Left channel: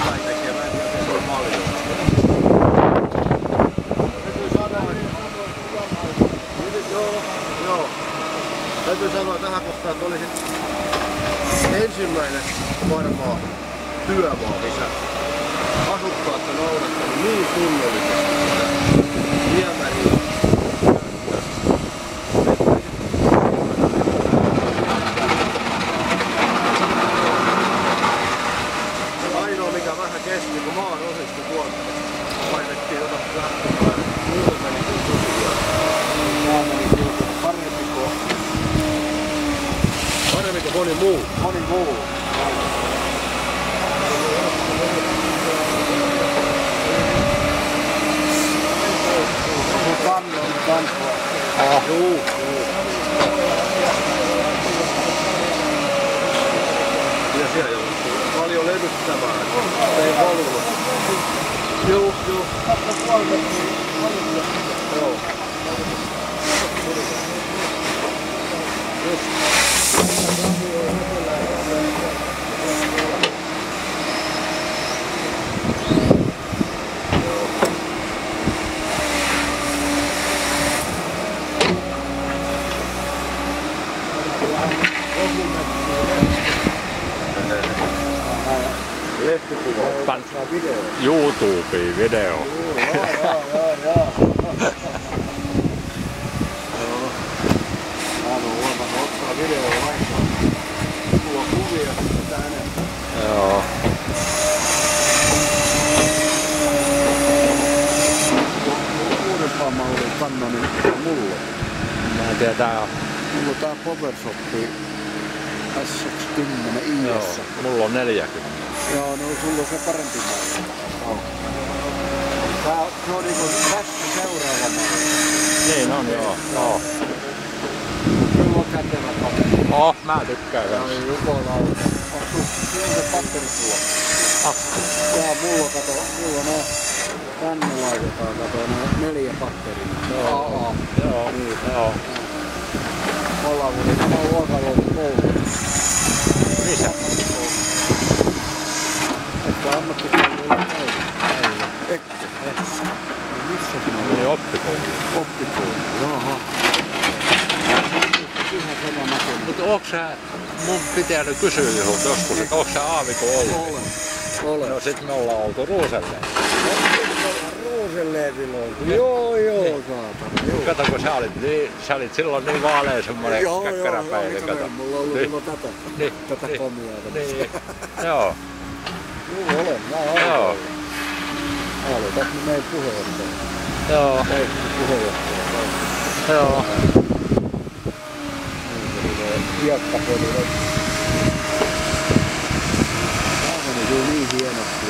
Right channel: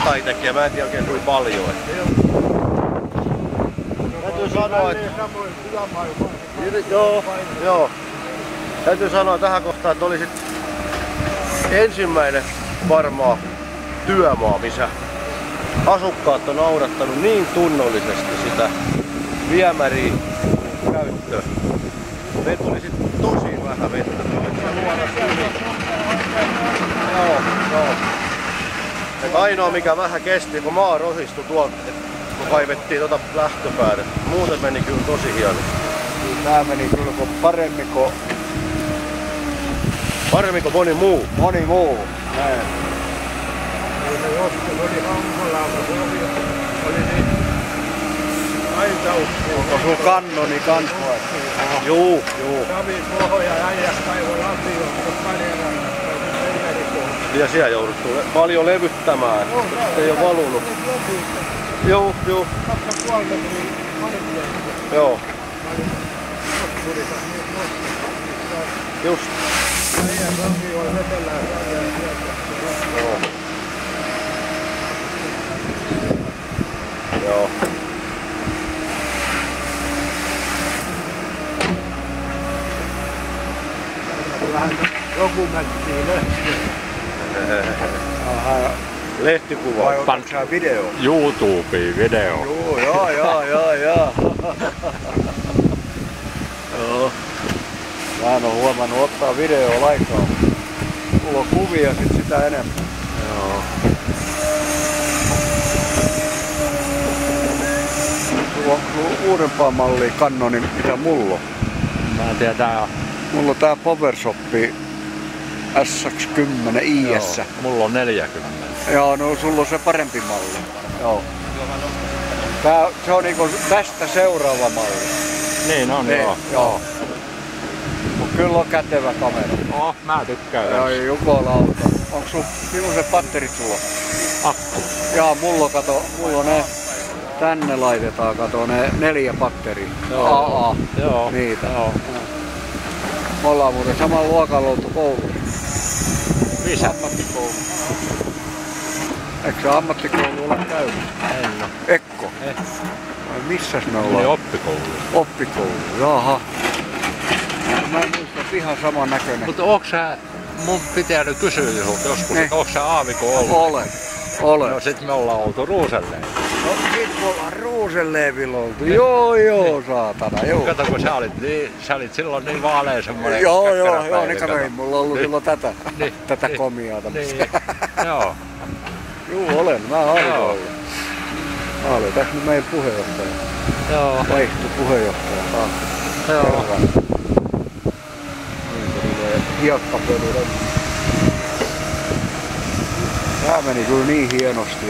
jotain tekijä, mä en tiedä oikein kuinka paljon. Täytyy sanoa, että... Joo. Täytyy sanoa tähän kohtaan, että olisi ensimmäinen varmaan työmaa, missä asukkaat on noudattanut niin tunnollisesti sitä viemäriä käyttöön. Me tuli sitten tosi vähän vettä. Ainoa mikä vähän kesti, kun maa rosistui tuolta, kun kaivettiin lähtöpäälle. Muuten meni kyllä tosi hienosti. Tää meni kyllä Paremmin kuin moni muu. Moni muu. Näin. Onko sun kannoni kans vai? Juu. Ja siellä jouduttu paljon levyttämään. Ei valunut. Juu. Joo. Just. Joo. Joku mättii lehti. Lehtikuva. Pankaa video. YouTubeen video. Joo. Mä en oo huomannut ottaa videoa lainkaan. Mulla on kuvia sit sitä enemmän. Joo. Uudempaa mallia Canonin, mitä mulla on. Mä en tiedä, tää on... Mulla on tää PowerShop SX10 IS. Joo, mulla on 40. Joo, no sulla on se parempi malli. Joo. Se on niinku tästä seuraava malli. Niin on, joo. Mut kyllä on kätevä kamera. Mä tykkään kans. Ai jukolauta. Onks sinun se batteripula? Akku. Jaa, mulla on ne. Tänne laitetaan, kato ne 4 batteria. Joo. Joo. Niitä. Joo. Me ollaan muuten saman luokalla oltu koulussa. Missä? Ammattikoulu. Eikö ammattikoulu ole käynyt? Ei. Ekko? No missäs ne ollaan? Niin oppikoulu. Oppikoulu, jaha. Mä en muista ihan sama näköinen. Mutta onks sä, mun pitää nyt kysyä sulta joskus, että onks sä aaviko ollut? Olen. No sit me ollaan oltu Ruuselleen. No sit me ollaan Ruuselleevillä oltu. Joo, saatana, joo. Kato kun sä olit silloin niin vaalea semmonen käkkäräpäinen. Niin kato, ei mulla ollut silloin tätä komiaa tämmöstä. Niin, joo. Juu, olen. Mä olen. Mä olen tässä meidän puheenjohtaja. Joo. Leikki puheenjohtaja taas. Joo. Niin se tulee hiekkapölyllä. Tää meni kyllä niin hienosti.